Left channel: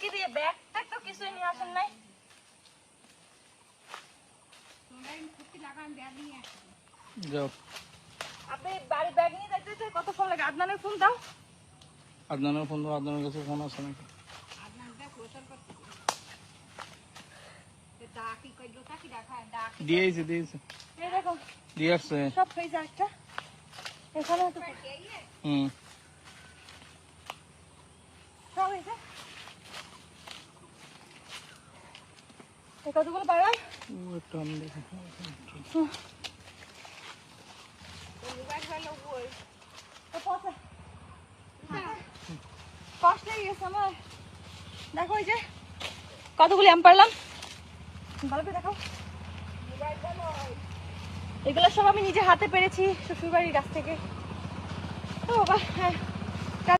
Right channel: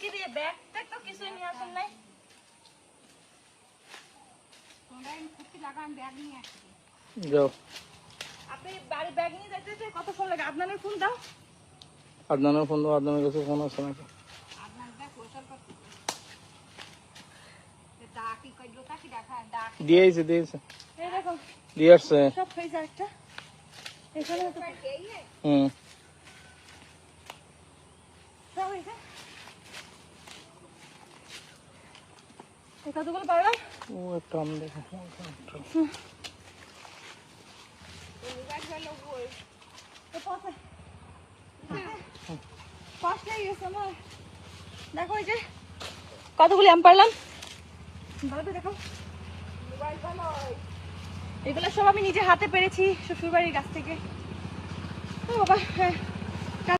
কি দিয়ে ব্যাগ তো কিছুই নিয়ে আসেন নাই। আপনি বাড়ি ব্যাগ নিয়ে যাইতেছে, কত ফোন লাগে? আদনানের ফোন দাও। আদনানের ফোন দাও, আদনানের কাছে ফোন আছে না? দিয়েছে দিয়েছে, এই দেখো দিয়ে আসছে সব হয়েছে একটা এখানে তো। সব হয়েছে। কতগুলো পাবেন? ও একটা আম দেখো। দেখো এই যে কতগুলি আম পারলাম, ভালো করে দেখো। এগুলো সব আমি নিজে হাতে পেরেছি শ্বশুর বাড়ির গাছ থেকে। ও বাবা, হ্যাঁ